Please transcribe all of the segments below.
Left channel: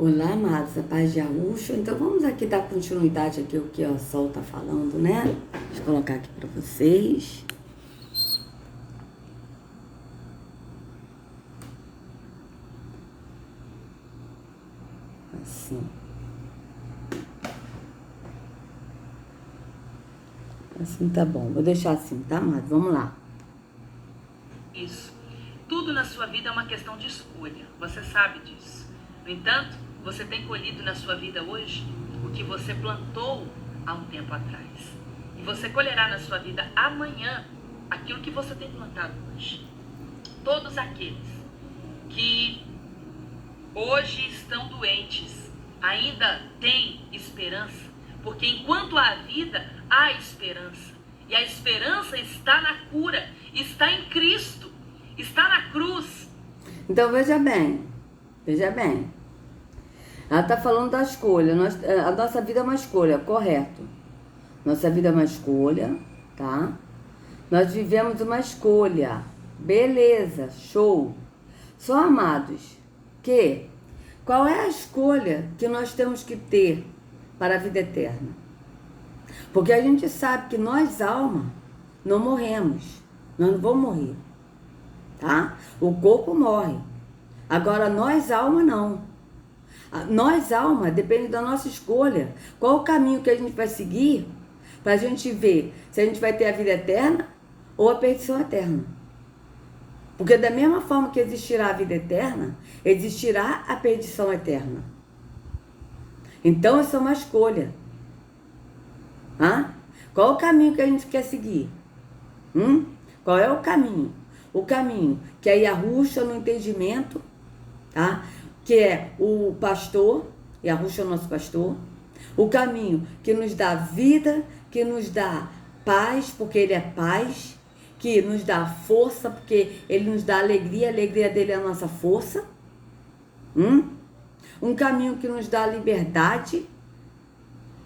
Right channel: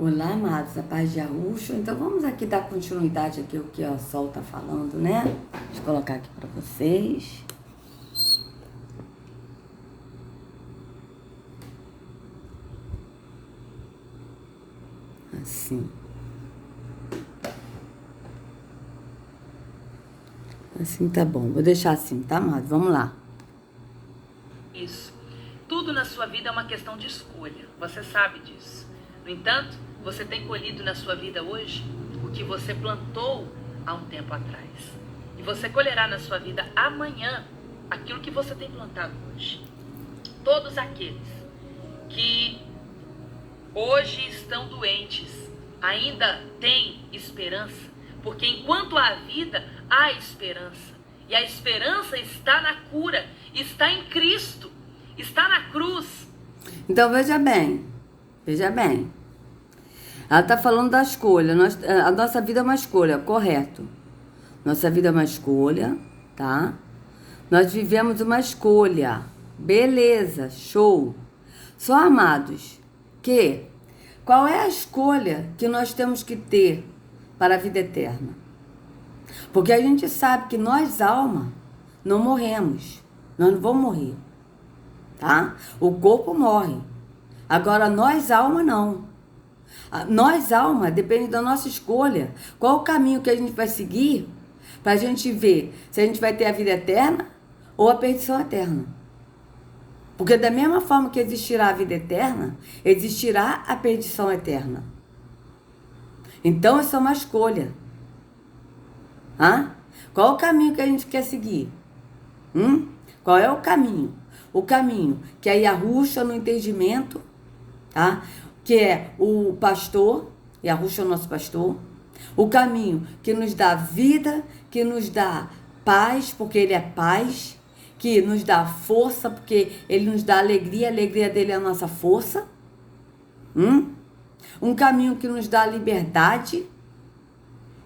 Olá, amados, a paz de Arusha. Então vamos aqui dar continuidade aqui ao que o Sol está falando, né? Deixa eu colocar aqui para vocês. Assim. Assim tá bom. Vou deixar assim, tá, amados? Vamos lá. Isso. Tudo na sua vida é uma questão de escolha. Você sabe disso. No entanto, você tem colhido na sua vida hoje o que você plantou há um tempo atrás. E você colherá na sua vida amanhã aquilo que você tem plantado hoje. Todos aqueles que hoje estão doentes ainda têm esperança, porque enquanto há vida, há esperança. E a esperança está na cura, está em Cristo, está na cruz. Então veja bem. Ela está falando da escolha. A nossa vida é uma escolha, correto. Nossa vida é uma escolha, tá? Nós vivemos uma escolha. Beleza, show. Só, amados, qual é a escolha que nós temos que ter para a vida eterna? Porque a gente sabe que nós, alma, não morremos. Nós não vamos morrer, tá? O corpo morre. Agora, nós, alma, não. Nós, alma, depende da nossa escolha. Qual o caminho que a gente vai seguir para a gente ver se a gente vai ter a vida eterna ou a perdição eterna. Porque da mesma forma que existirá a vida eterna, existirá a perdição eterna. Então, isso é uma escolha. Qual o caminho que a gente quer seguir? Qual é o caminho? O caminho que é Yahushua no entendimento, tá? Que é o pastor, Yahushua é o nosso pastor. O caminho que nos dá vida, que nos dá paz, porque ele é paz. Que nos dá força, porque ele nos dá alegria, a alegria dele é a nossa força. Um caminho que nos dá liberdade,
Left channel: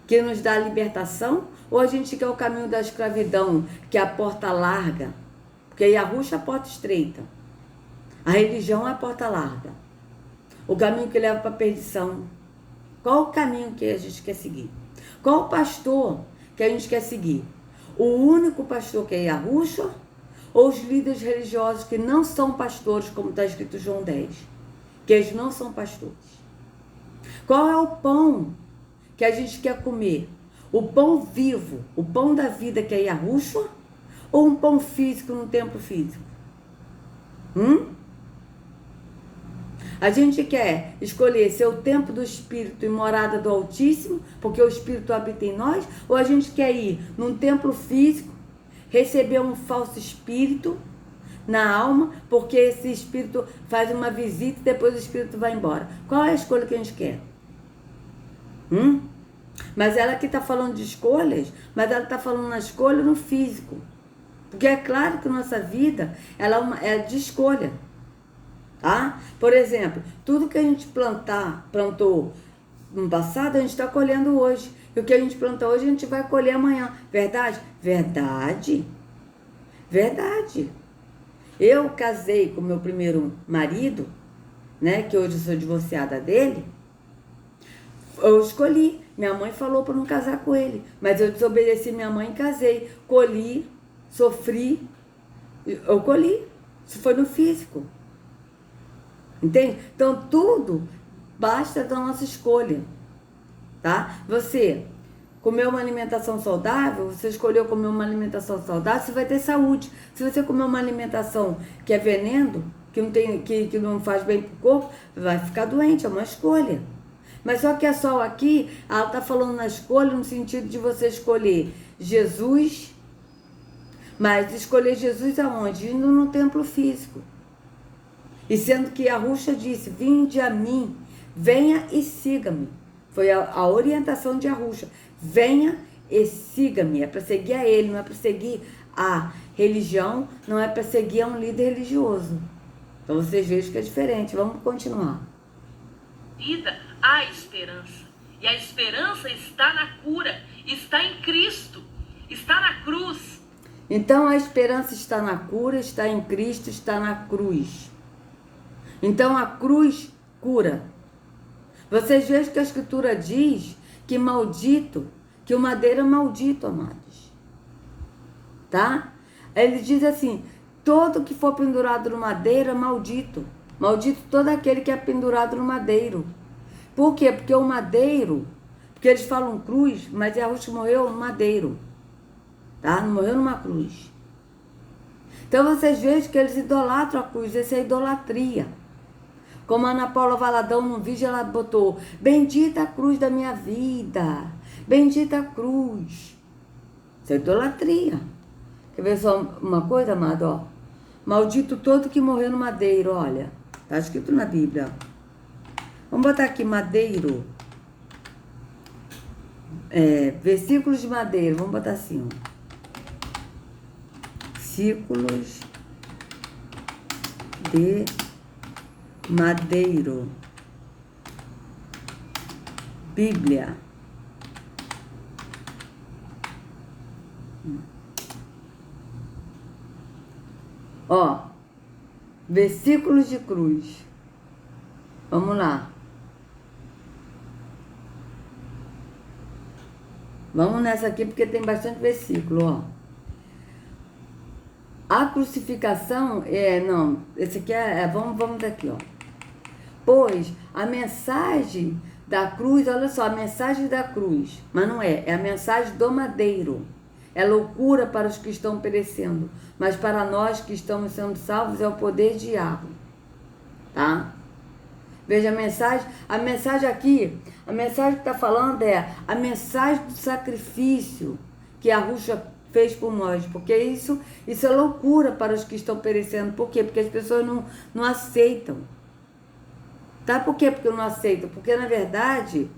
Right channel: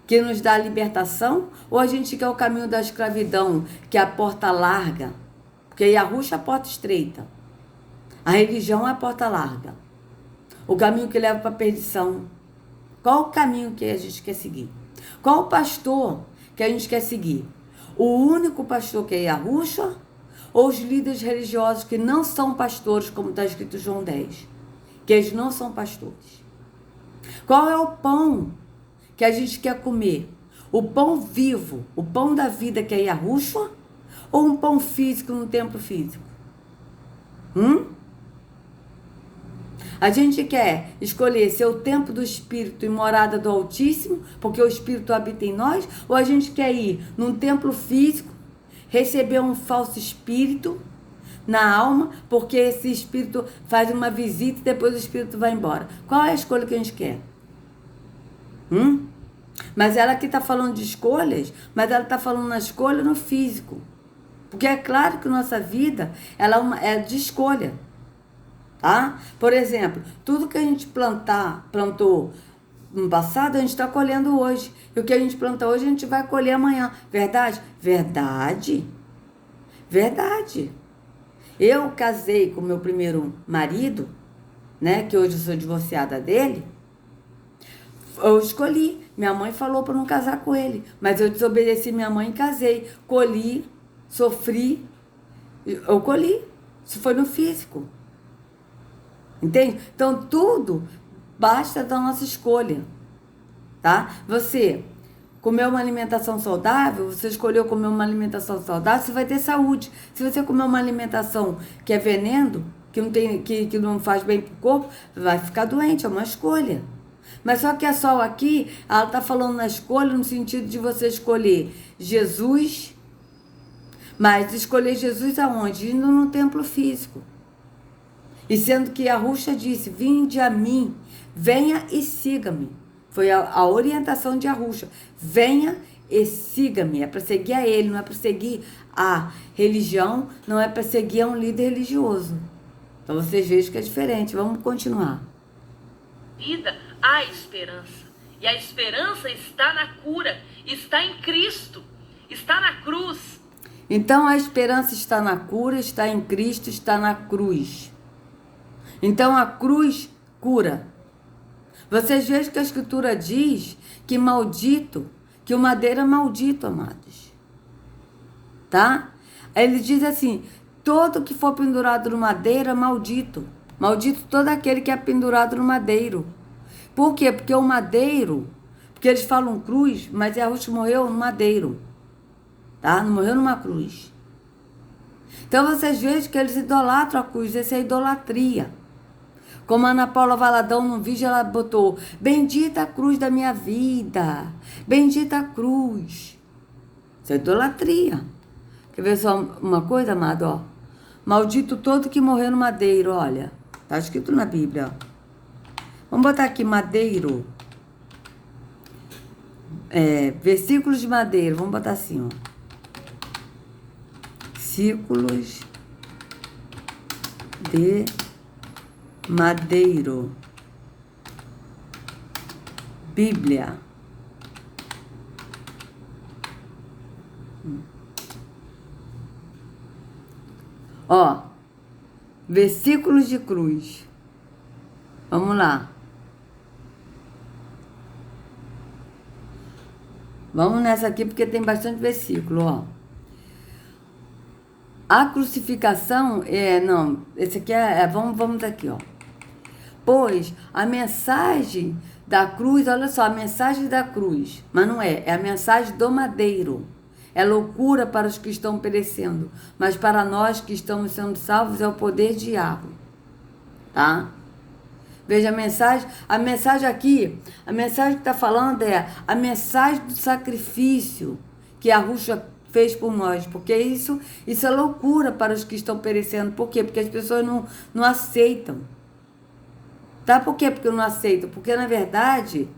que nos dá libertação, ou a gente quer o caminho da escravidão, que é a porta larga, porque Yahushua é a porta estreita, a religião é a porta larga, o caminho que leva para a perdição. Qual o caminho que a gente quer seguir? Qual o pastor que a gente quer seguir? O único pastor que é Yahushua, ou os líderes religiosos que não são pastores, como está escrito em João 10, que eles não são pastores? Qual é o pão que a gente quer comer? O pão vivo, o pão da vida que é Yahushua, ou um pão físico no templo físico? A gente quer escolher ser o templo do Espírito e morada do Altíssimo, porque o Espírito habita em nós, ou a gente quer ir num templo físico, receber um falso espírito na alma, porque esse espírito faz uma visita e depois o espírito vai embora? Qual é a escolha que a gente quer? Mas ela aqui está falando de escolhas, mas ela está falando na escolha no físico. Porque é claro que nossa vida ela é de escolha. Tá? Por exemplo, tudo que a gente plantou no passado, a gente está colhendo hoje. E o que a gente planta hoje, a gente vai colher amanhã. Verdade? Verdade. Verdade. Eu casei com meu primeiro marido, né, que hoje eu sou divorciada dele. Eu escolhi. Minha mãe falou para não casar com ele, mas eu desobedeci minha mãe e casei. Colhi, sofri, eu colhi. Isso foi no físico. Entende? Então, tudo basta da nossa escolha, tá? Você comeu uma alimentação saudável, você escolheu comer uma alimentação saudável, você vai ter saúde. Se você comer uma alimentação que é veneno, que não faz bem pro corpo, vai ficar doente, é uma escolha. Mas só que a Sol aqui, ela tá falando na escolha no sentido de você escolher Jesus, mas escolher Jesus aonde? Indo no templo físico. E sendo que Yahushua disse, vinde a mim, venha e siga-me. Foi a orientação de Yahushua. Venha e siga-me. É para seguir a ele, não é para seguir a religião, não é para seguir a um líder religioso. Então vocês vejam que é diferente. Vamos continuar. Vida, há esperança. E a esperança está na cura, está em Cristo, está na cruz. Então a esperança está na cura, está em Cristo, está na cruz. Então a cruz cura. Vocês vejam que a Escritura diz que maldito, que o madeiro é maldito, amados. Tá? Ele diz assim, todo que for pendurado no madeiro é maldito. Maldito todo aquele que é pendurado no madeiro. Por quê? Porque o madeiro, porque eles falam cruz, mas Yahushua morreu no madeiro. Tá? Não morreu numa cruz. Então vocês vejam que eles idolatram a cruz, isso é idolatria. Como a Ana Paula Valadão num vídeo ela botou, bendita a cruz da minha vida, bendita a cruz. Isso é idolatria. Quer ver só uma coisa, amado? Ó. Maldito todo que morreu no madeiro, olha. Tá escrito na Bíblia. Vamos botar aqui madeiro. Versículos de madeiro, vamos botar assim, ó. Versículos de madeiro. Bíblia. Ó, versículos de cruz. Vamos lá. Vamos nessa aqui porque tem bastante versículo, ó. A crucificação esse aqui vamos daqui, ó. Pois a mensagem da cruz, olha só, a mensagem da cruz, mas não é a mensagem do madeiro. É loucura para os que estão perecendo, mas para nós que estamos sendo salvos é o poder de Yahweh. Tá? Veja a mensagem aqui, a mensagem que está falando é a mensagem do sacrifício que Yahushua fez por nós, porque isso é loucura para os que estão perecendo. Por quê? Porque as pessoas não aceitam. Tá? Por quê? Porque não aceitam? Porque, na verdade,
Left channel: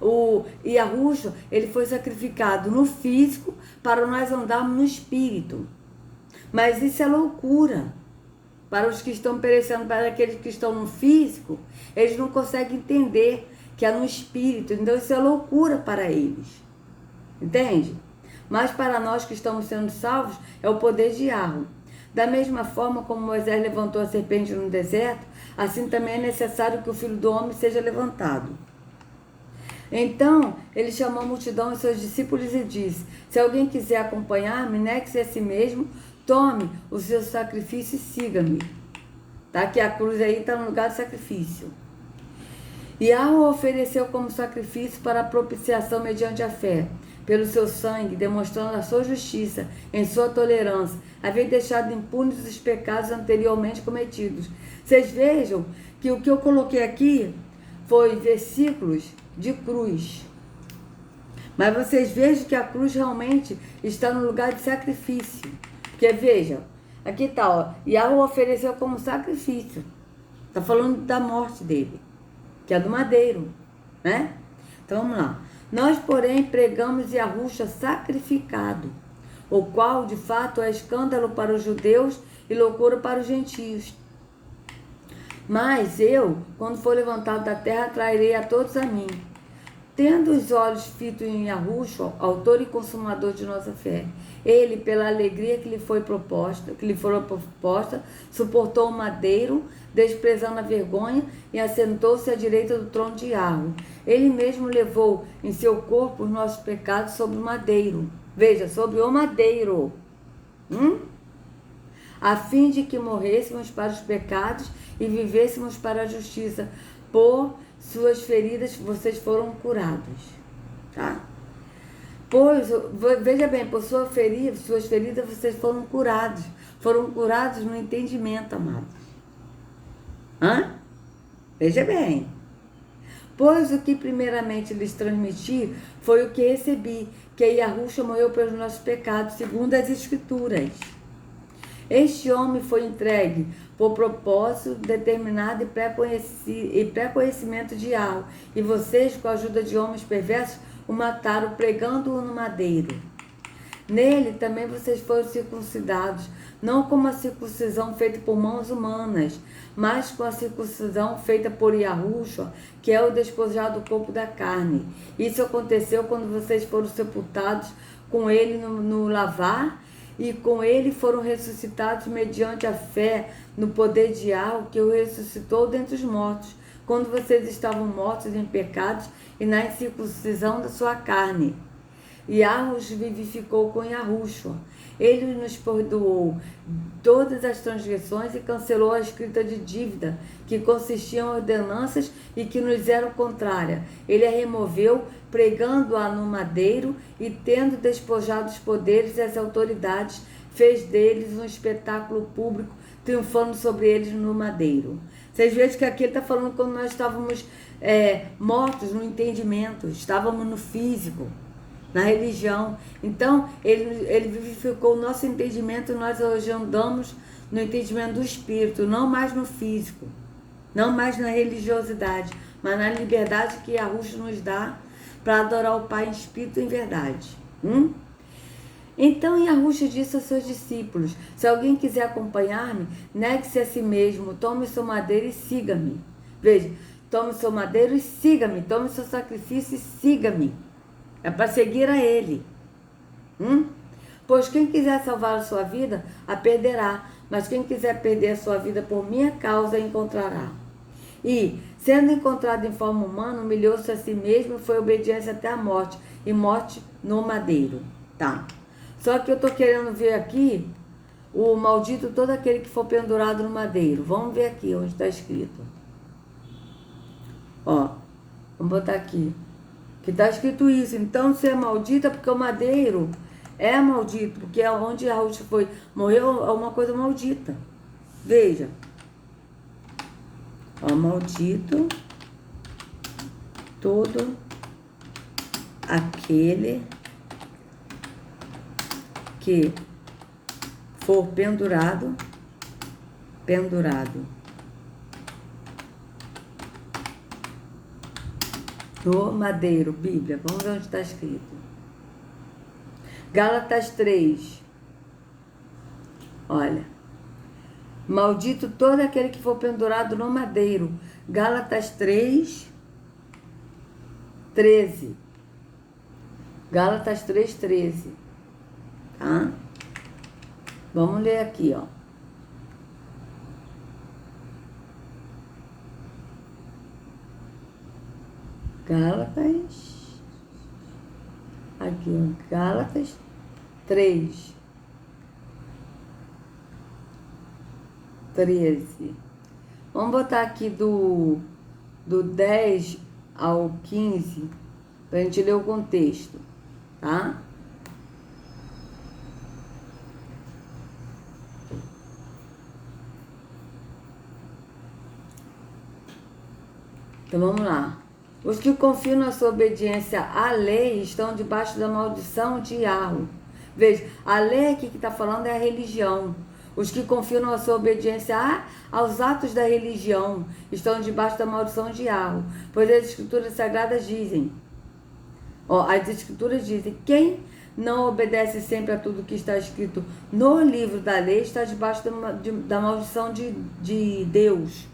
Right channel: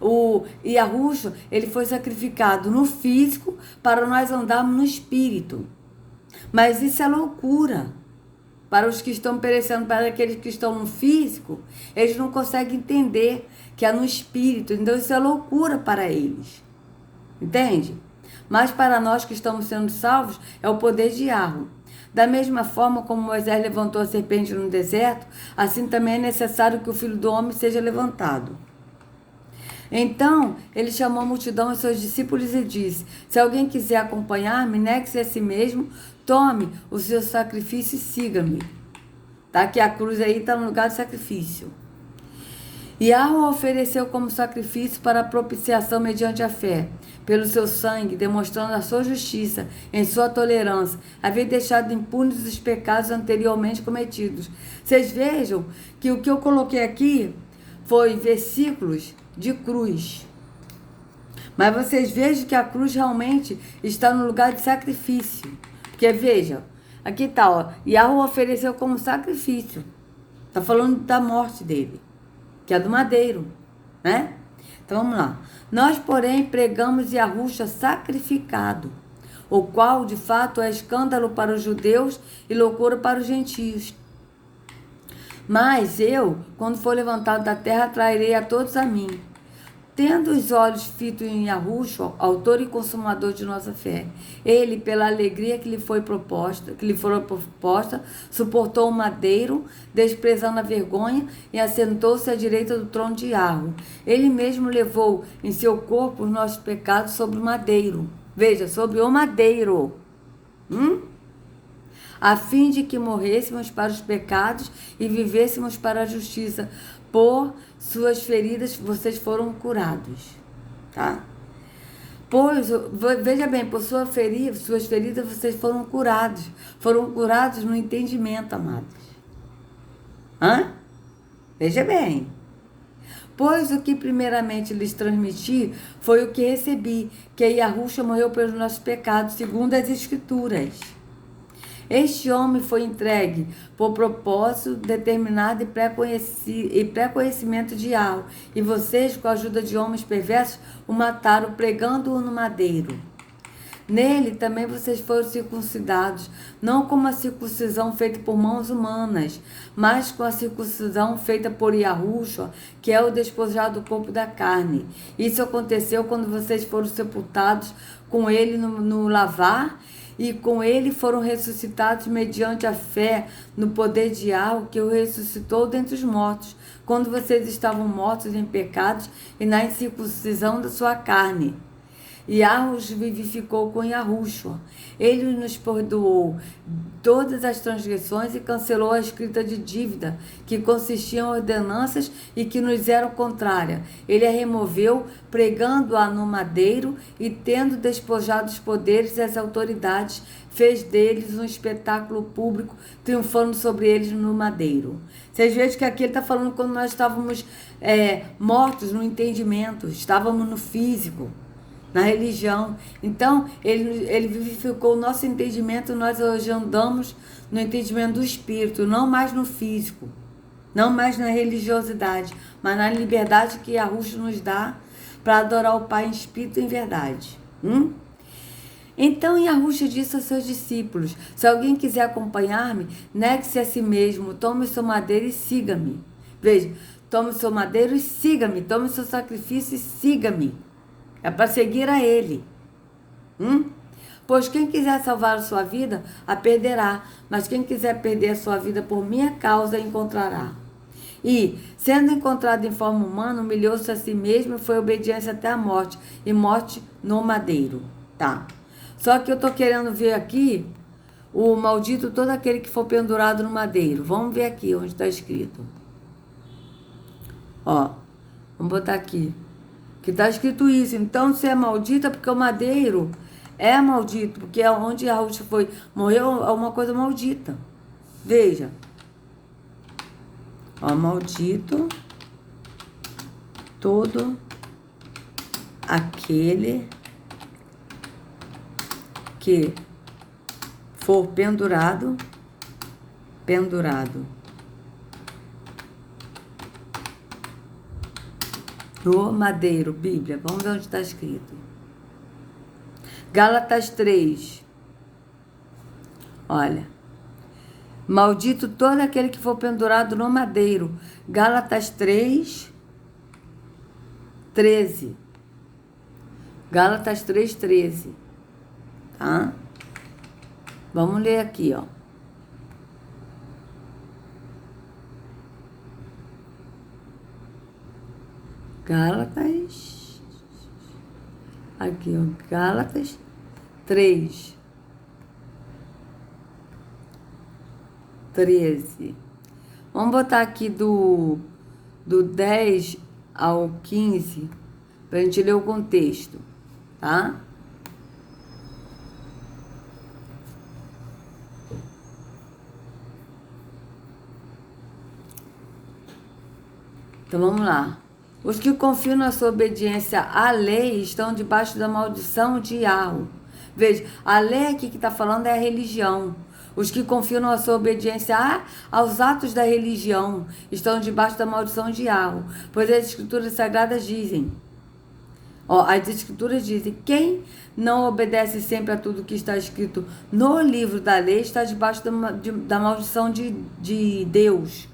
o Yahushua, ele foi sacrificado no físico para nós andarmos no espírito. Mas isso é loucura para os que estão perecendo, para aqueles que estão no físico, eles não conseguem entender que é no espírito. Então, isso é loucura para eles. Entende? Mas para nós que estamos sendo salvos, é o poder de Yahweh. Da mesma forma como Moisés levantou a serpente no deserto, assim também é necessário que o Filho do Homem seja levantado. Então, ele chamou a multidão e seus discípulos e disse, se alguém quiser acompanhar-me, negue-se a si mesmo, tome o seu sacrifício e siga-me. Tá? Que a cruz aí está no lugar do sacrifício. E Yahweh ofereceu como sacrifício para a propiciação mediante a fé, pelo seu sangue, demonstrando a sua justiça, em sua tolerância, haver deixado impunes os pecados anteriormente cometidos. Vocês vejam que o que eu coloquei aqui foi versículos de cruz. Mas vocês vejam que a cruz realmente está no lugar de sacrifício. Porque vejam, aqui está, ó, Yahweh ofereceu como sacrifício. Está falando da morte dele, que é do madeiro, né? Então vamos lá. Nós, porém, pregamos Yahushua sacrificado, o qual, de fato, é escândalo para os judeus e loucura para os gentios. Mas eu, quando for levantado da terra, trairei a todos a mim. Tendo os olhos fitos em Yahushua, autor e consumador de nossa fé, ele, pela alegria que lhe foi proposta, suportou o madeiro, desprezando a vergonha, e assentou-se à direita do trono de Yahweh. Ele mesmo levou em seu corpo os nossos pecados sobre o madeiro. Veja, sobre o madeiro. A fim de que morrêssemos para os pecados e vivêssemos para a justiça. Por suas feridas vocês foram curados, tá? Pois, veja bem, por suas feridas vocês foram curados no entendimento, amados. Veja bem. Pois o que primeiramente lhes transmiti foi o que recebi, que Yahushua morreu pelos nossos pecados, segundo as Escrituras. Este homem foi entregue por propósito determinado e pré-conhecimento de Yahweh, e vocês, com a ajuda de homens perversos, o mataram, pregando-o no madeiro. Nele também vocês foram circuncidados, não com a circuncisão feita por mãos humanas, mas com a circuncisão feita por Yahushua, que é o despojado do corpo da carne. Isso aconteceu quando vocês foram sepultados com ele no lavar, e com ele foram ressuscitados mediante a fé no poder de Yahweh, que o ressuscitou dentre os mortos. quando vocês estavam mortos em pecados e na incircuncisão da sua carne. Yahus vivificou com Yahushua. Ele nos perdoou todas as transgressões e cancelou a escrita de dívida, que consistia em ordenanças e que nos eram contrárias. Ele a removeu, pregando-a no madeiro, e tendo despojado os poderes e as autoridades, fez deles um espetáculo público, triunfando sobre eles no madeiro. Vocês veem que aqui ele está falando quando nós estávamos mortos no entendimento, estávamos no físico, na religião. Então, ele vivificou o nosso entendimento, e nós hoje andamos no entendimento do espírito, não mais no físico, não mais na religiosidade, mas na liberdade que Yahushua nos dá para adorar o Pai em espírito e em verdade. Então Yahushua disse aos seus discípulos: se alguém quiser acompanhar-me, negue-se a si mesmo, tome o seu madeiro e siga-me. Veja, tome o seu madeiro e siga-me, tome o seu sacrifício e siga-me. É para seguir a Ele. Pois quem quiser salvar a sua vida, a perderá. Mas quem quiser perder a sua vida por minha causa, a encontrará. E, sendo encontrado em forma humana, humilhou-se a si mesmo e foi obediência até a morte. E morte no madeiro. Tá. Só que eu estou querendo ver aqui o maldito todo aquele que for pendurado no madeiro. Vamos ver aqui onde está escrito. Ó, vamos botar aqui. Que está escrito isso. Então, se é maldita, porque o madeiro é maldito, porque é onde Yahushua foi, morreu, é uma coisa maldita. Veja. Ó, maldito todo aquele que for pendurado no madeiro. Bíblia, vamos ver onde está escrito. Gálatas 3. Olha. Maldito todo aquele que for pendurado no madeiro. Gálatas 3, 13. Gálatas 3, 13. Tá? Vamos ler aqui, ó. Gálatas. Aqui, ó. Gálatas 3, 13. Vamos botar aqui do 10 ao 15, para a gente ler o contexto, tá? Então vamos lá. Os que confiam na sua obediência à lei estão debaixo da maldição de Yahweh. Veja, a lei aqui que está falando é a religião. Os que confiam na sua obediência aos atos da religião estão debaixo da maldição de Yahweh. Pois as escrituras sagradas dizem, as escrituras dizem, quem não obedece sempre a tudo que está escrito no livro da lei está debaixo da maldição de Deus.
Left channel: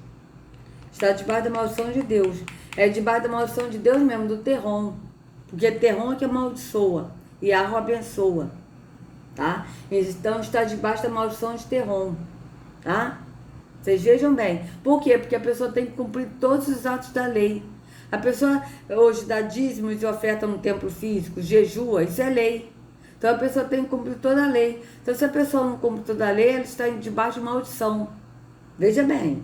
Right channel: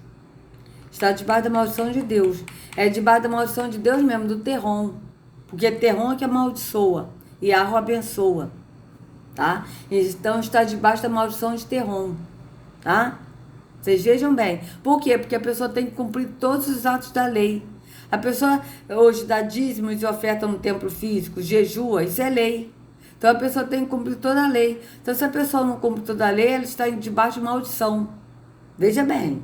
Está debaixo da maldição de Deus. É debaixo da maldição de Deus mesmo, do terrom. Porque terrom é que amaldiçoa. E Yahweh abençoa. Tá? Então está debaixo da maldição de terrom. Tá? Vocês vejam bem. Por quê? Porque a pessoa tem que cumprir todos os atos da lei. A pessoa hoje dá dízimos e oferta no templo físico, jejua, isso é lei. Então a pessoa tem que cumprir toda a lei. Então se a pessoa não cumpre toda a lei, ela está debaixo de maldição. Veja bem.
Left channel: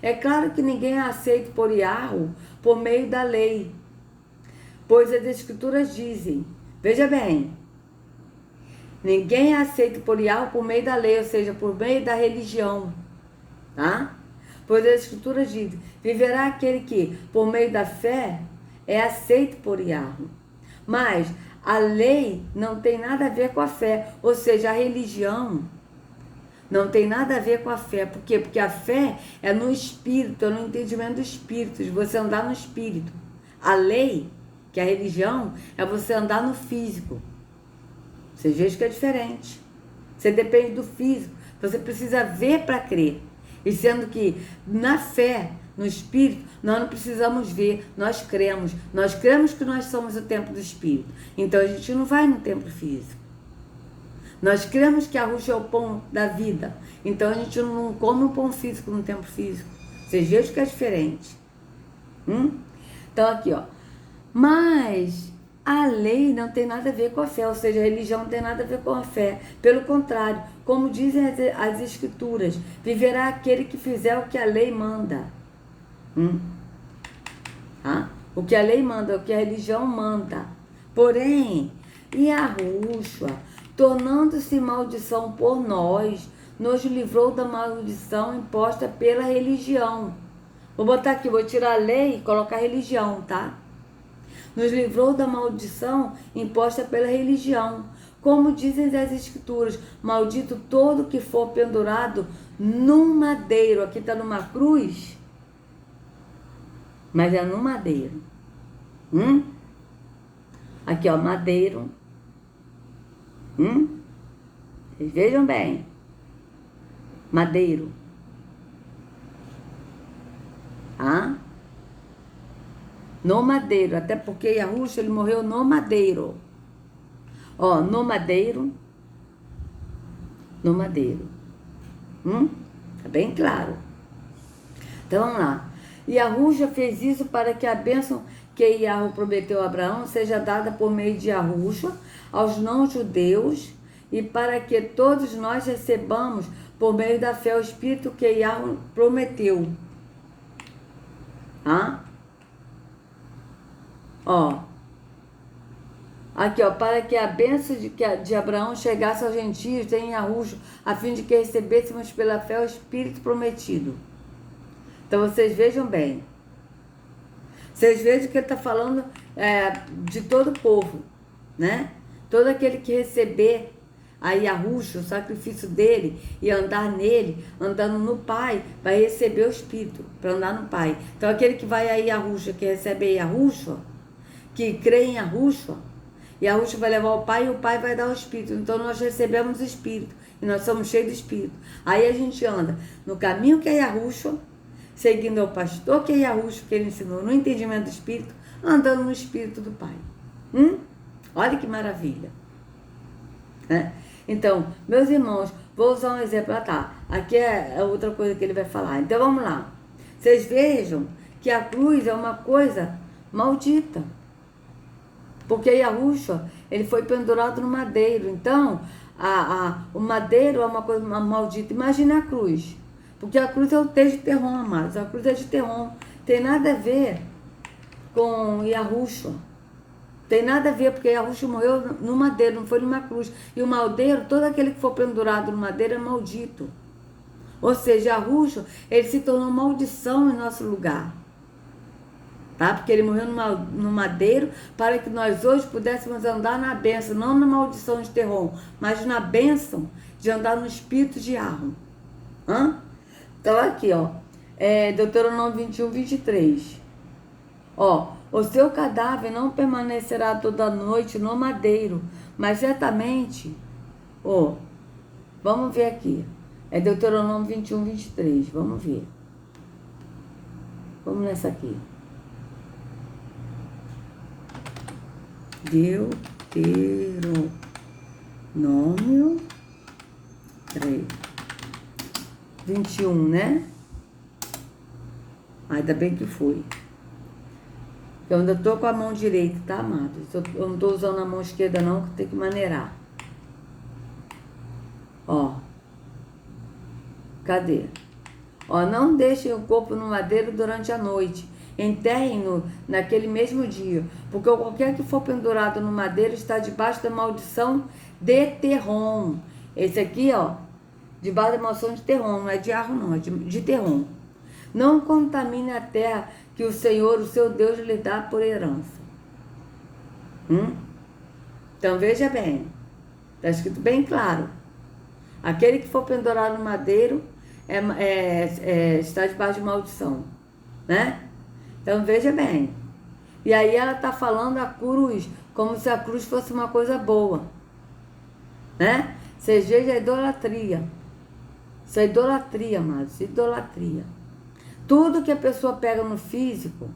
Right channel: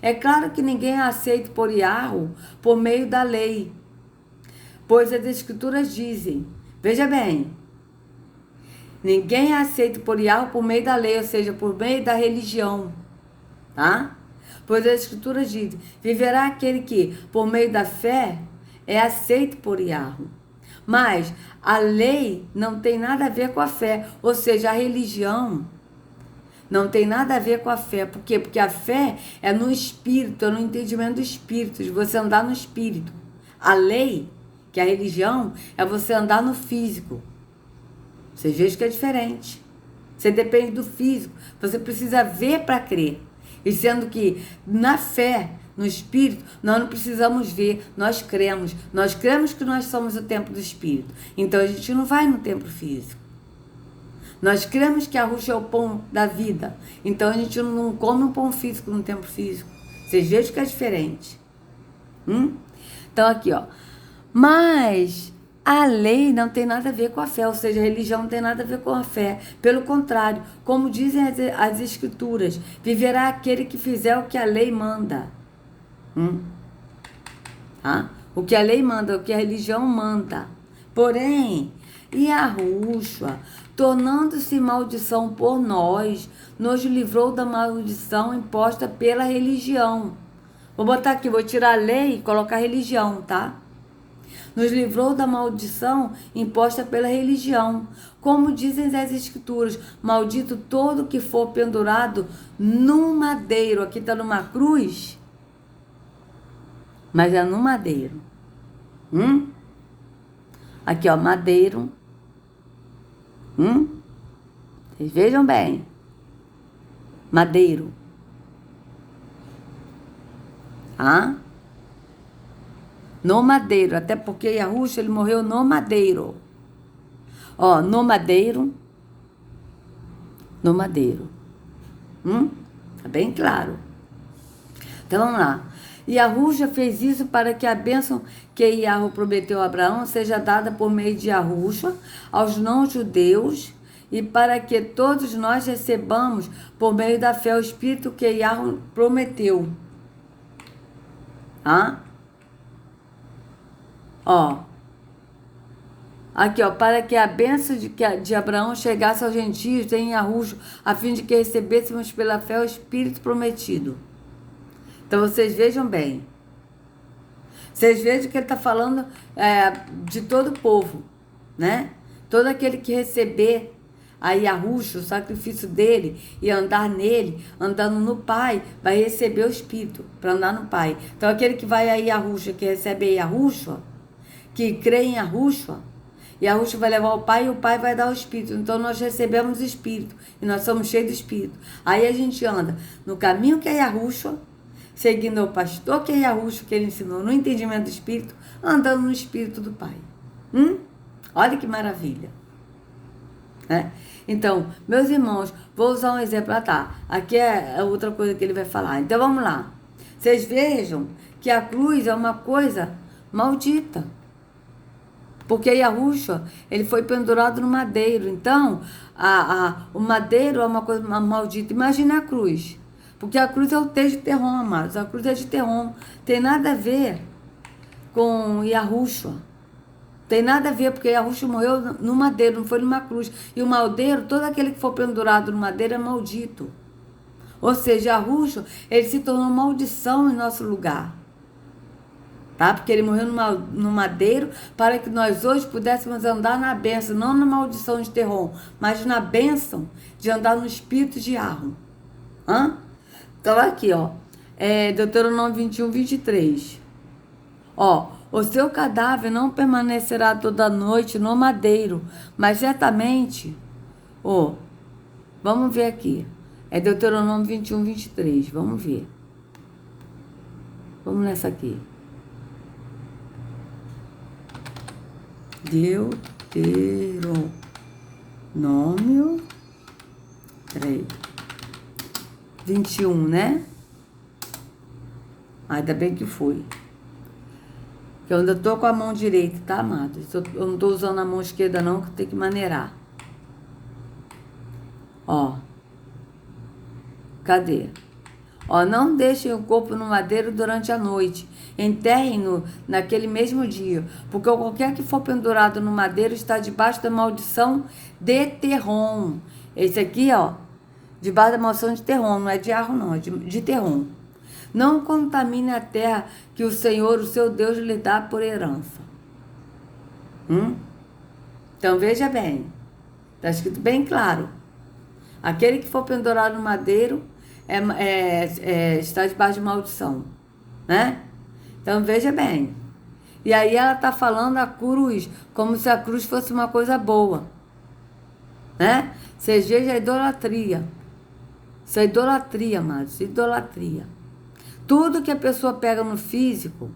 É claro que ninguém é aceito por Yahweh por meio da lei, pois as escrituras dizem, veja bem, ninguém é aceito por Yahweh por meio da lei, ou seja, por meio da religião, tá? Pois as escrituras dizem, viverá aquele que, por meio da fé, é aceito por Yahweh. Mas a lei não tem nada a ver com a fé, ou seja, a religião não tem nada a ver com a fé. Por quê? Porque a fé é no espírito, é no entendimento do espírito, de você andar no espírito. A lei, que é a religião, é você andar no físico. Vocês vejam que é diferente. Você depende do físico. Você precisa ver para crer. E sendo que na fé, no espírito, nós não precisamos ver, nós cremos. Nós cremos que nós somos o templo do espírito. Então a gente não vai no templo físico. Nós cremos que a Yahushua é o pão da vida. Então a gente não come um pão físico no tempo físico. Vocês vejam que é diferente. Então, aqui, ó. Mas a lei não tem nada a ver com a fé, ou seja, a religião não tem nada a ver com a fé. Pelo contrário, como dizem as escrituras, viverá aquele que fizer o que a lei manda. O que a lei manda, o que a religião manda. Porém, Yahushua, tornando-se maldição por nós, nos livrou da maldição imposta pela religião. Vou botar aqui, vou tirar a lei e colocar religião, tá? Nos livrou da maldição imposta pela religião. Como dizem as escrituras, maldito todo que for pendurado num madeiro. Aqui está numa cruz, mas é no madeiro. Aqui, ó, madeiro. Vocês vejam bem. Madeiro. No madeiro, até porque Yahushua, ele morreu no madeiro. Ó, no madeiro. No madeiro. Tá bem claro. Então, vamos lá. Yahushua fez isso para que a bênção que Yahu prometeu a Abraão seja dada por meio de Yahushua aos não-judeus e para que todos nós recebamos por meio da fé o Espírito que Yahu prometeu. Ó, aqui, ó, para que a bênção de Abraão chegasse aos gentios em Yahushua, a fim de que recebêssemos pela fé o Espírito prometido. Então, vocês vejam bem. Vocês vejam que ele está falando de todo o povo, né? Todo aquele que receber a Yahushua, o sacrifício dele, e andar nele, andando no Pai, vai receber o Espírito para andar no Pai. Então, aquele que vai a Yahushua, que recebe a Yahushua, que crê em Yahushua, Yahushua vai levar o Pai e o Pai vai dar o Espírito. Então, nós recebemos o Espírito e nós somos cheios do Espírito. Aí a gente anda no caminho que é Yahushua, seguindo o pastor que é Yahushua, que ele ensinou no entendimento do Espírito, andando no Espírito do Pai. Olha que maravilha. Então, meus irmãos, vou usar um exemplo. Aqui é outra coisa que ele vai falar. Então, vamos lá. Vocês vejam que a cruz é uma coisa maldita. Porque Yahushua, ele foi pendurado no madeiro. Então, o madeiro é uma coisa maldita. Imagina a cruz. Porque a cruz é o texto de Terron, amados. A cruz é de Terron. Tem nada a ver com Yahushua. Tem nada a ver, porque Yahushua morreu no madeiro, não foi numa cruz. E o madeiro, todo aquele que for pendurado no madeiro é maldito. Ou seja, Yahushua, ele se tornou maldição em nosso lugar. Tá? Porque ele morreu no madeiro para que nós hoje pudéssemos andar na bênção, não na maldição de Terron, mas na bênção de andar no espírito de Yahweh. Então, aqui, ó, Deuteronômio 21, 23. Ó, o seu cadáver não permanecerá toda noite no madeiro, mas certamente, vamos ver aqui, é Deuteronômio 21, 23, vamos ver. Vamos nessa aqui. Deuteronômio 21, né? Ainda bem que foi. Eu ainda tô com a mão direita, tá, amados? Eu não tô usando a mão esquerda, não, que tem que maneirar. Ó. Cadê? Ó, não deixem o corpo no madeiro durante a noite. Enterrem-no naquele mesmo dia. Porque qualquer que for pendurado no madeiro está debaixo da maldição de Terron. Esse aqui, ó, debaixo da maldição de Terron. Não é de Arro, não, é de Terron. Não contamine a terra que o Senhor, o seu Deus, lhe dá por herança. Então, veja bem. Está escrito bem claro. Aquele que for pendurado no madeiro está debaixo de maldição. Né? Então, veja bem. E aí ela está falando a cruz, como se a cruz fosse uma coisa boa. Né? Vocês vejam a idolatria. Isso é idolatria, amados. Idolatria. Tudo que a pessoa pega no físico,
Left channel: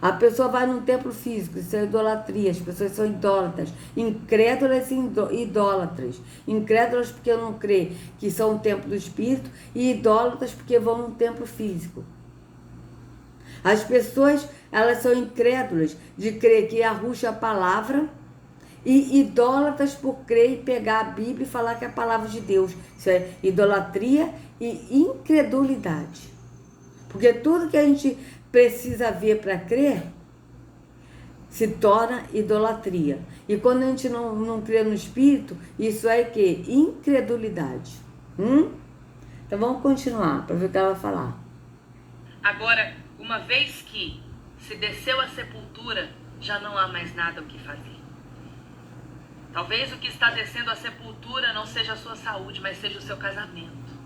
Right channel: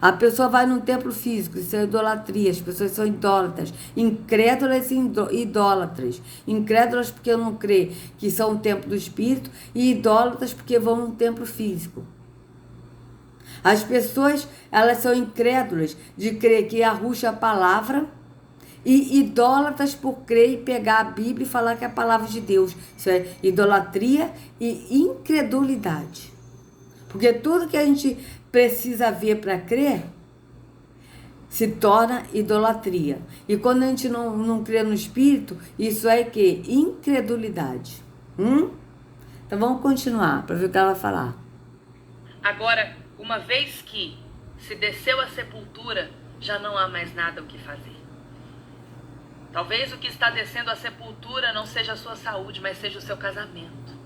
a pessoa vai num templo físico, isso é idolatria, as pessoas são idólatras, incrédulas e idólatras. Incrédulas porque não crê que são um templo do Espírito e idólatras porque vão num templo físico. As pessoas, elas são incrédulas de crer que Yahushua é a palavra e idólatras por crer e pegar a Bíblia e falar que é a palavra de Deus. Isso é idolatria e incredulidade. Porque tudo que a gente precisa ver para crer se torna idolatria. E quando a gente não crê no Espírito, isso é que? Incredulidade. Então vamos continuar para ver o que ela vai falar. Agora, uma vez que se desceu à sepultura, já não há mais nada o que fazer. Talvez o que está descendo à sepultura não seja a sua saúde, mas seja o seu casamento.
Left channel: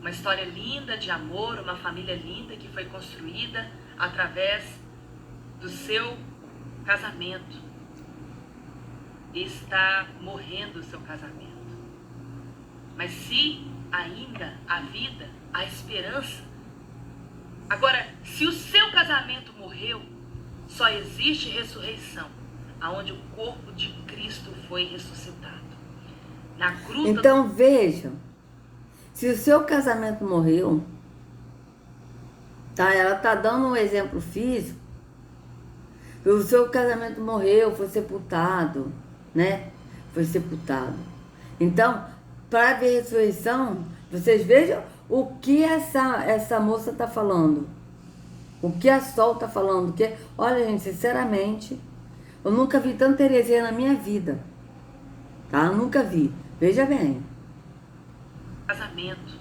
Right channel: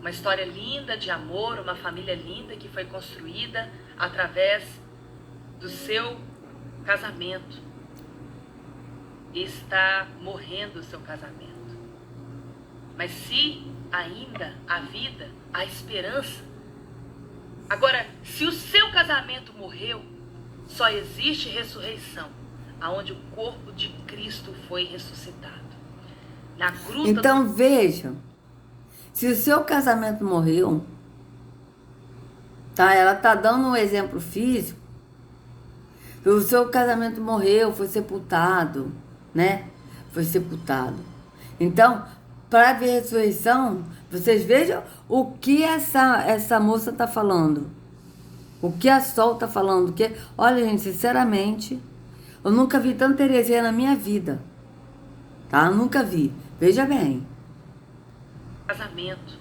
Uma história linda de amor, uma família linda que foi construída através do seu casamento. Está morrendo o seu casamento. Mas se ainda há vida, há esperança. Agora, se o seu casamento morreu, só existe ressurreição, aonde o corpo de Cristo foi ressuscitado. Na gruta. Então vejam, se o seu casamento morreu, tá? Ela tá dando um exemplo físico. O seu casamento morreu, foi sepultado, né? Foi sepultado. Então, para a ressurreição, vocês vejam o que essa moça está falando. O que a Sol está falando. Que, olha, gente, sinceramente, eu nunca vi tanta heresia na minha vida. Tá? Nunca vi. Veja bem. Casamento.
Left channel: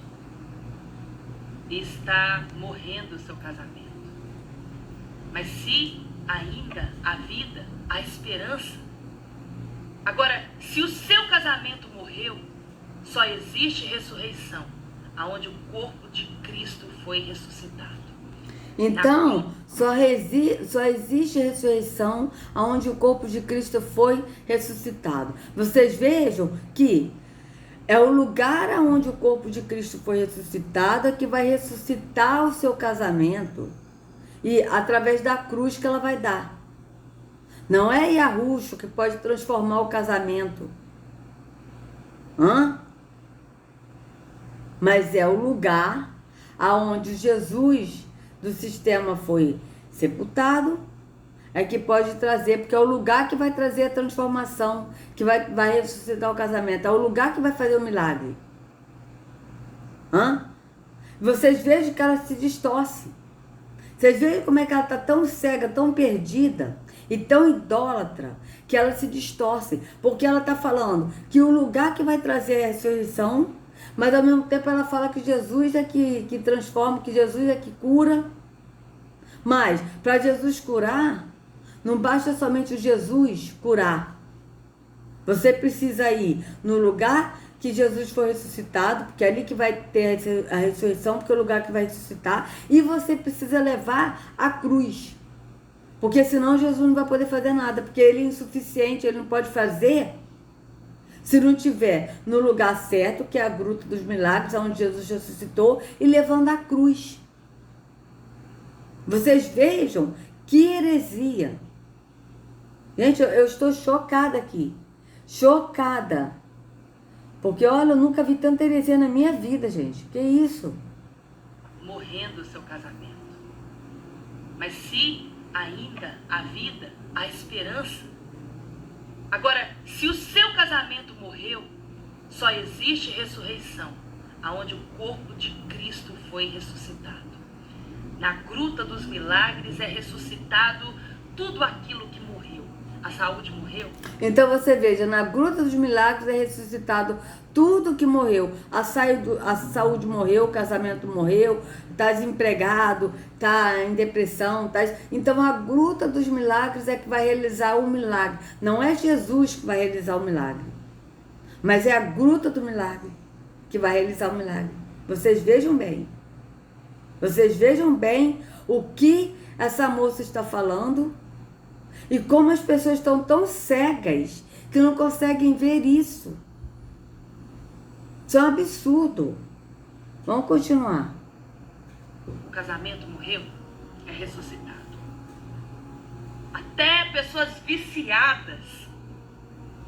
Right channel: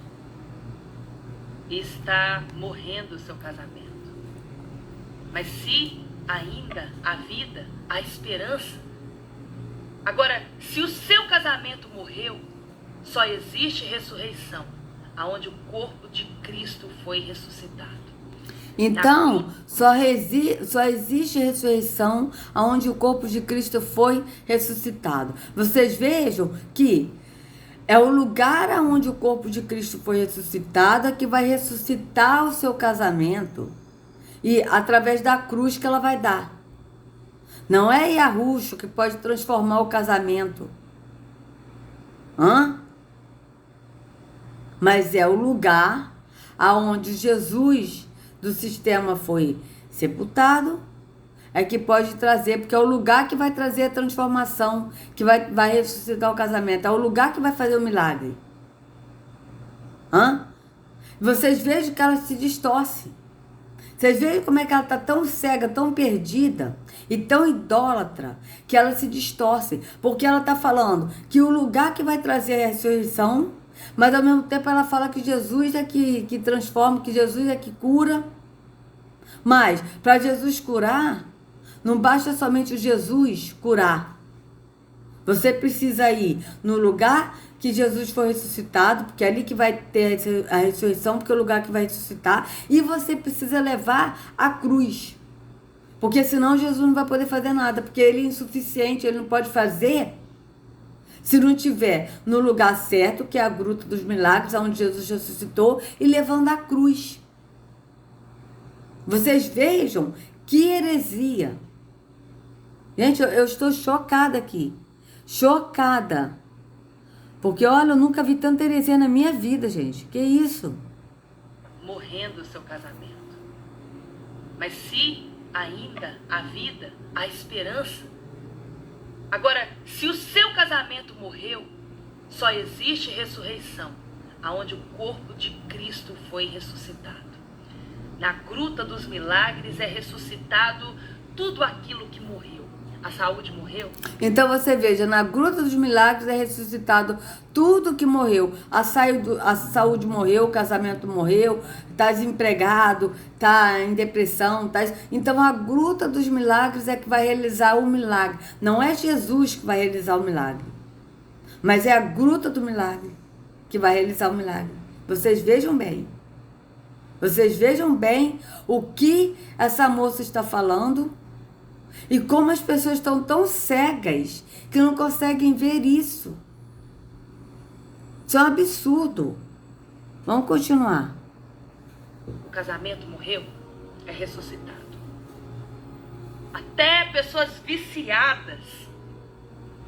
Está morrendo o seu casamento. Mas se ainda há vida, há esperança. Agora, se o seu casamento morreu, só existe ressurreição, aonde o corpo de Cristo foi ressuscitado. Então, só existe ressurreição aonde o corpo de Cristo foi ressuscitado. Vocês vejam que é o lugar onde o corpo de Cristo foi ressuscitado que vai ressuscitar o seu casamento. E através da cruz que ela vai dar. Não é Yahushua que pode transformar o casamento. Mas é o lugar aonde Jesus do sistema foi sepultado, é que pode trazer, porque é o lugar que vai trazer a transformação, que vai ressuscitar o casamento, é o lugar que vai fazer o milagre. Vocês vejam que ela se distorce. Vocês veem como é que ela está tão cega, tão perdida e tão idólatra, que ela se distorce, porque ela está falando que o lugar que vai trazer a ressurreição, mas ao mesmo tempo ela fala que Jesus é que transforma, que Jesus é que cura. Mas para Jesus curar, não basta somente o Jesus curar. Você precisa ir no lugar que Jesus foi ressuscitado, porque é ali que vai ter a ressurreição, porque é o lugar que vai ressuscitar, e você precisa levar a cruz. Porque senão Jesus não vai poder fazer nada, porque ele é insuficiente, ele não pode fazer se não estiver no lugar certo, que é a Gruta dos Milagres, onde Jesus ressuscitou, e levando a cruz. Vocês vejam que heresia. Gente, eu estou chocada aqui. Chocada. Porque, olha, eu nunca vi tanta heresia na minha vida, gente. Que isso? Morrendo o seu casamento. Mas se ainda há vida, há esperança. Agora, se o seu casamento morreu, só existe ressurreição, aonde o corpo de Cristo foi ressuscitado. Na Gruta dos Milagres é ressuscitado tudo aquilo que morreu. A saúde morreu. Então você veja, na Gruta dos Milagres é ressuscitado tudo que morreu. A saúde morreu, o casamento morreu, está desempregado, está em depressão. Então a Gruta dos Milagres é que vai realizar o milagre. Não é Jesus que vai realizar o milagre, mas é a Gruta do Milagre que vai realizar o milagre. Vocês vejam bem. Vocês vejam bem o que essa moça está falando. E como as pessoas estão tão cegas que não conseguem ver isso. Isso é um absurdo. Vamos continuar. O casamento morreu, é ressuscitado. Até pessoas viciadas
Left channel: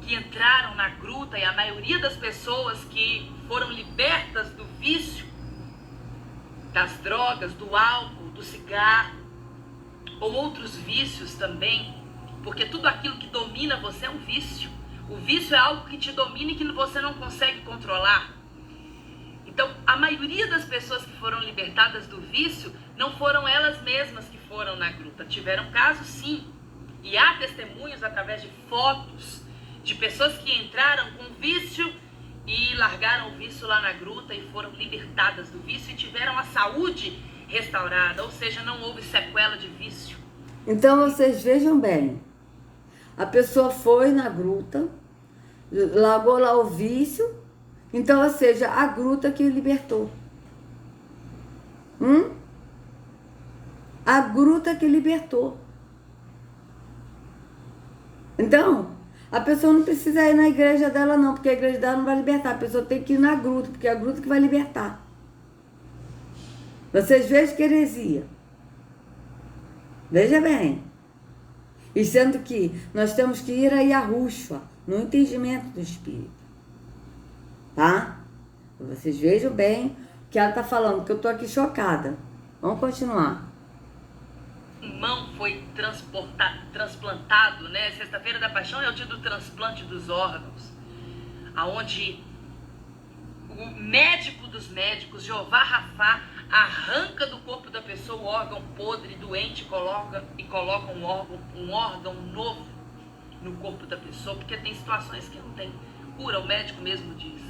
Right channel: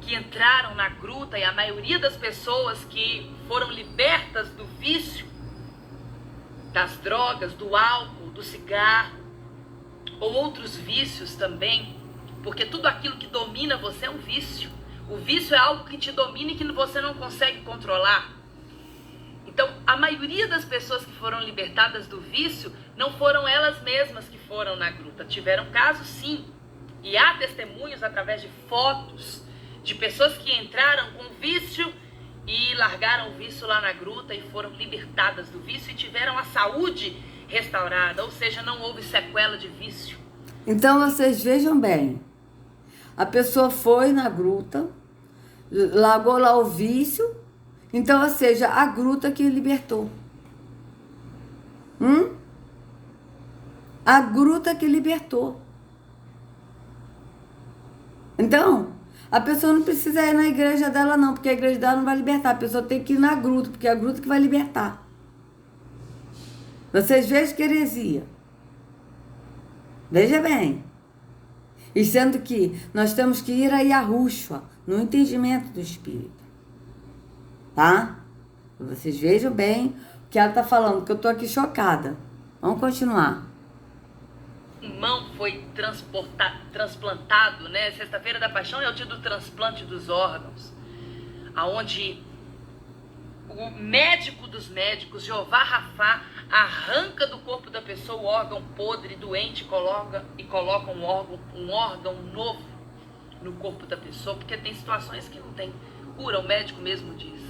que entraram na gruta, e a maioria das pessoas que foram libertas do vício das drogas, do álcool, do cigarro, ou outros vícios também, porque tudo aquilo que domina você é um vício. O vício é algo que te domina e que você não consegue controlar. Então, a maioria das pessoas que foram libertadas do vício não foram elas mesmas que foram na gruta. Tiveram casos, sim. E há testemunhos através de fotos de pessoas que entraram com vício e largaram o vício lá na gruta e foram libertadas do vício e tiveram a saúde restaurada, ou seja, não houve sequela de vício. Então vocês vejam bem, a pessoa foi na gruta, largou lá o vício, então, ou seja, a gruta que libertou. A gruta que libertou. Então, a pessoa não precisa ir na igreja dela não, porque a igreja dela não vai libertar. A pessoa tem que ir na gruta, porque é a gruta que vai libertar. Vocês vejam que heresia. Veja bem. E sendo que nós temos que ir a Yahushua, no entendimento do Espírito. Tá? Vocês vejam bem o que ela está falando, porque eu estou aqui chocada. Vamos continuar. Pulmão foi transplantado, né? Sexta-feira da Paixão é o dia do transplante dos órgãos, aonde o médico dos médicos, Jeová Rafá, arranca do corpo da pessoa o órgão podre, doente, coloca um órgão novo no corpo da pessoa, porque tem situações que não tem cura, o médico mesmo diz.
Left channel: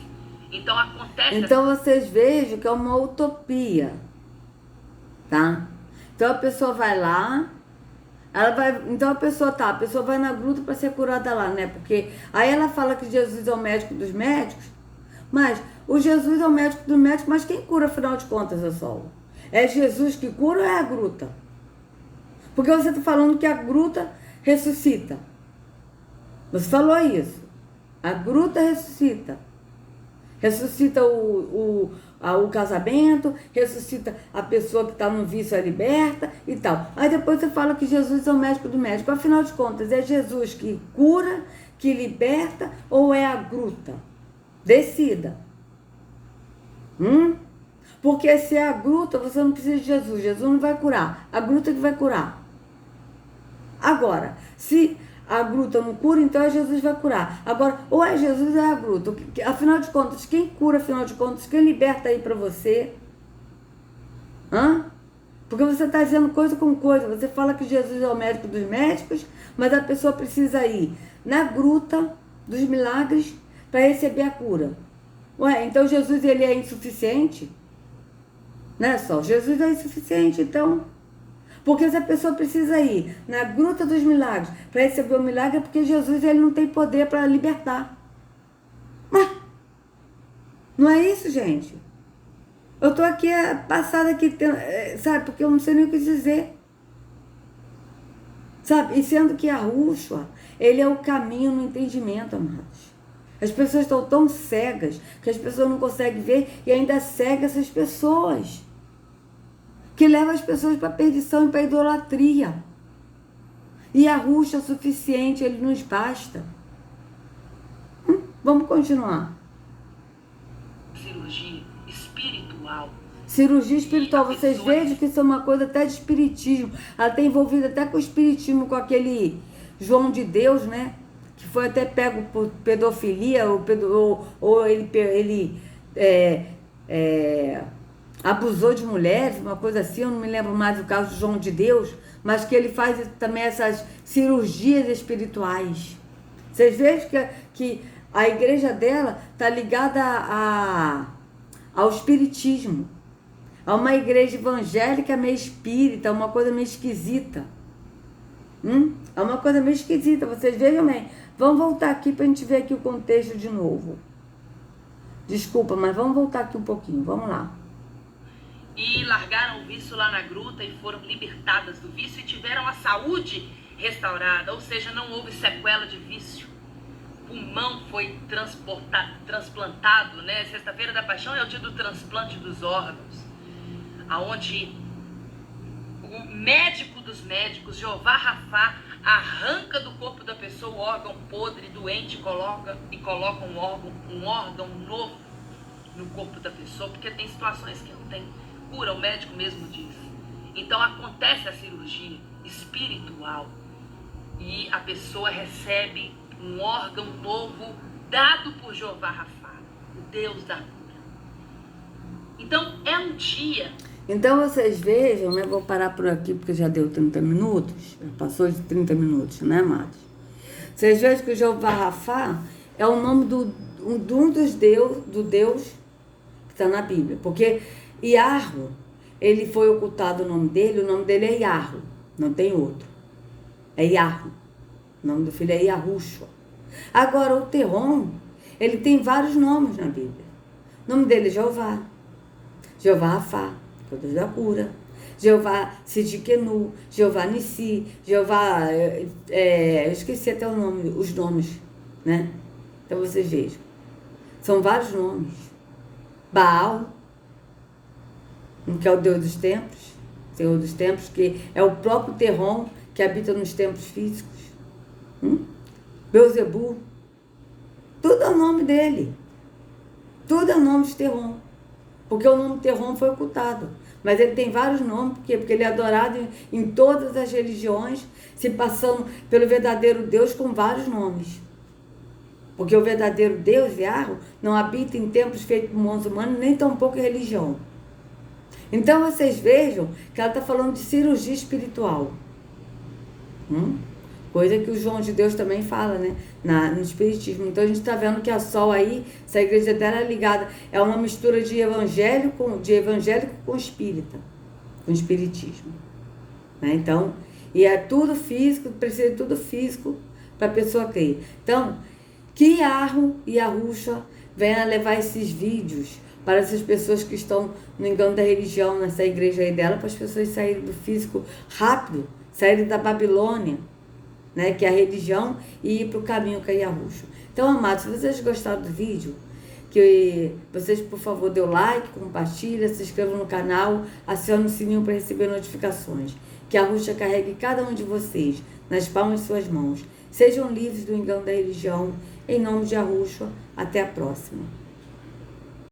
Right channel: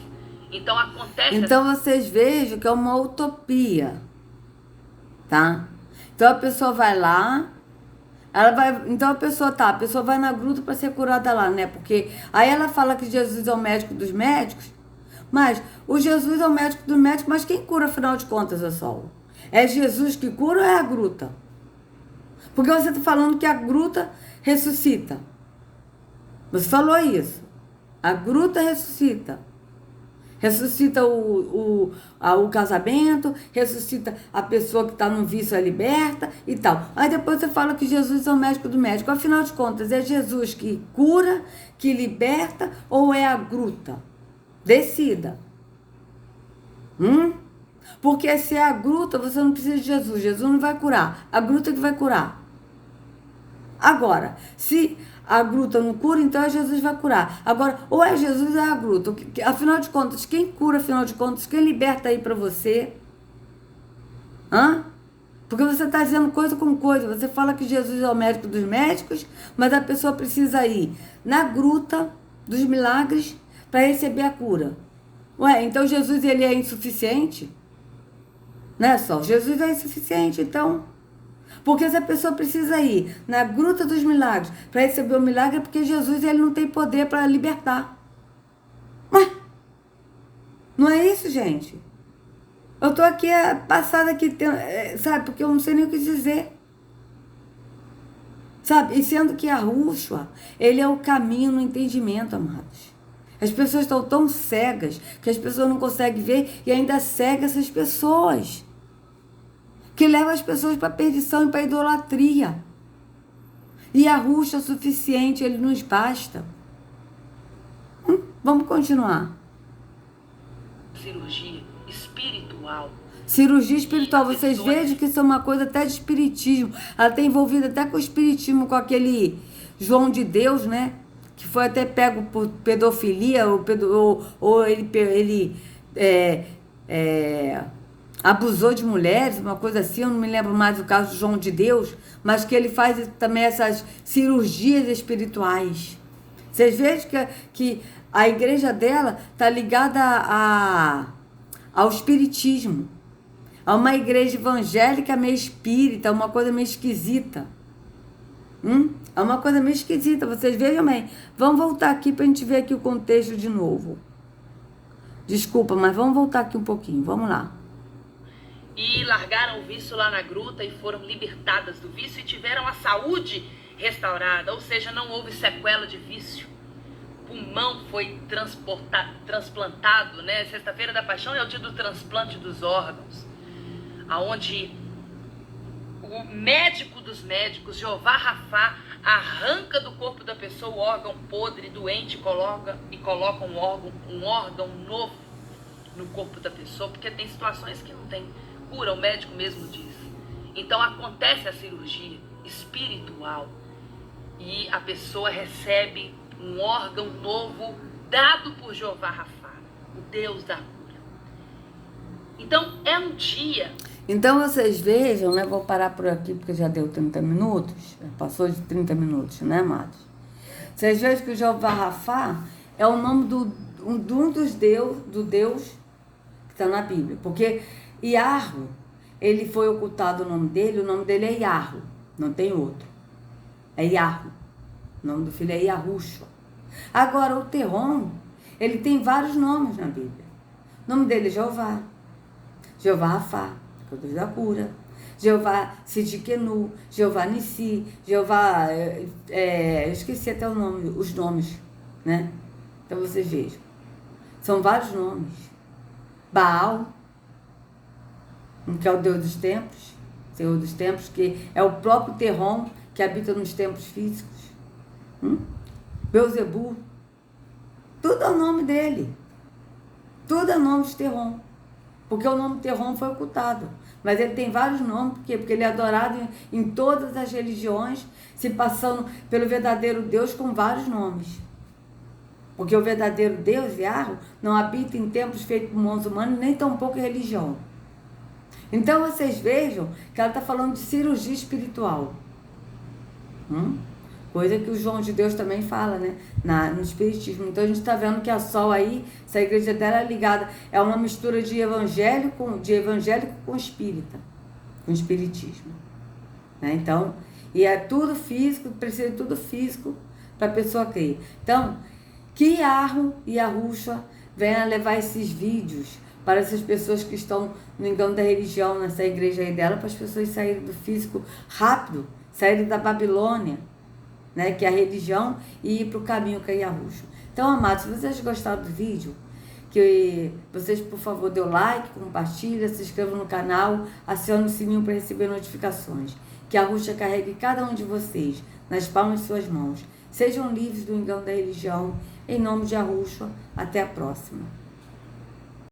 Então acontece... Então vocês vejam que é uma utopia, tá? Então a pessoa vai lá, então a pessoa vai na gruta para ser curada lá, né? Porque aí ela fala que Jesus é o médico dos médicos, mas o Jesus é o médico dos médicos, mas quem cura afinal de contas, é só? É Jesus que cura ou é a gruta? Porque você está falando que a gruta ressuscita. Você falou isso. A gruta ressuscita. Ressuscita o casamento, ressuscita a pessoa que está no vício, é liberta e tal. Aí depois você fala que Jesus é o médico do médico. Afinal de contas, é Jesus que cura, que liberta ou é a gruta? Decida. Porque se é a gruta, você não precisa de Jesus. Jesus não vai curar. A gruta que vai curar. Agora, se a gruta não cura, então é Jesus que vai curar. Agora, ou é Jesus ou é a gruta. Afinal de contas, quem cura, afinal de contas, quem liberta aí pra você? Porque você está dizendo coisa com coisa. Você fala que Jesus é o médico dos médicos, mas a pessoa precisa ir na gruta dos milagres para receber a cura. Ué, então Jesus ele é insuficiente? Não é só? Jesus é insuficiente, então... Porque se a pessoa precisa ir na gruta dos milagres para receber o milagre, é porque Jesus ele não tem poder para libertar. Ué, não é isso, gente? Eu tô aqui passada aqui, sabe? Porque eu não sei nem o que dizer. Sabe? E sendo que a Yahushua, ele é o caminho no entendimento, amados. As pessoas estão tão cegas que as pessoas não conseguem ver e ainda cega essas pessoas. Que leva as pessoas para a perdição e para a idolatria. E a Yahushua é o suficiente, ele nos basta. Vamos continuar. Cirurgia espiritual. Cirurgia espiritual, vocês vejam que isso é uma coisa até de espiritismo. Ela está envolvida até com o espiritismo, com aquele João de Deus, né? Que foi até pego por pedofilia, ou ele abusou de mulheres, uma coisa assim, eu não me lembro mais do caso do João de Deus, mas que ele faz também essas cirurgias espirituais. Vocês vejam que a igreja dela está ligada ao espiritismo. É uma igreja evangélica meio espírita, uma coisa meio esquisita. É uma coisa meio esquisita, vocês vejam bem. Vamos voltar aqui para a gente ver aqui o contexto de novo. Desculpa, mas vamos voltar aqui um pouquinho, vamos lá. E largaram o vício lá na gruta e foram libertadas do vício e tiveram a saúde restaurada, ou seja, não houve sequela de vício. O pulmão foi transplantado, né? Sexta-feira da Paixão é o dia do transplante dos órgãos, aonde o médico dos médicos, Jeová Rafá, arranca do corpo da pessoa o órgão podre, doente, coloca um órgão novo no corpo da pessoa, porque tem situações que não tem cura, o médico mesmo disse. Então acontece a cirurgia espiritual e a pessoa recebe um órgão novo dado por Jeová Rafá, o Deus da cura. Então é um dia. Então vocês vejam, né? Vou parar por aqui porque já deu 30 minutos, já passou de 30 minutos, né, amados? Vocês vejam que o Jeová Rafá é o nome de um dos Deus que está na Bíblia, porque Iarro, ele foi ocultado o nome dele é Iarro, não tem outro. É Iarro. O nome do filho é Yahushua. Agora, o Terron, ele tem vários nomes na Bíblia. O nome dele é Jeová. Jeová Rafá, que é o Deus da cura. Jeová Sidkenu, Jeová Nissi, Jeová... eu esqueci até os nomes, né? Então, vocês vejam. São vários nomes. Baal, que é o Deus dos templos, Senhor dos templos, que é o próprio Terron que habita nos templos físicos. Beuzebu, tudo é o nome dele. Tudo é o nome de Terron. Porque o nome Terron foi ocultado. Mas ele tem vários nomes, por quê? Porque ele é adorado em todas as religiões, se passando pelo verdadeiro Deus com vários nomes. Porque o verdadeiro Deus, Yahweh, não habita em templos feitos por mãos humanas, nem tampouco em religião. Então vocês vejam que ela está falando de cirurgia espiritual. Coisa que o João de Deus também fala, né? No Espiritismo. Então a gente está vendo que a Sol aí, essa igreja dela é ligada, é uma mistura de evangélico com espírita, com espiritismo. Né? Então, e é tudo físico, precisa de tudo físico para a pessoa crer. Então, que Yahweh e Yahushua venha levar esses vídeos para essas pessoas que estão no engano da religião, nessa igreja aí dela, para as pessoas saírem do físico rápido, saírem da Babilônia, né, que é a religião, e ir para o caminho que é Yahushua. Então, amados, se vocês gostaram do vídeo, que vocês, por favor, dê o like, compartilhem, se inscrevam no canal, acionem o sininho para receber notificações. Que Yahushua carregue cada um de vocês nas palmas de suas mãos. Sejam livres do engano da religião. Em nome de Yahushua, até a próxima.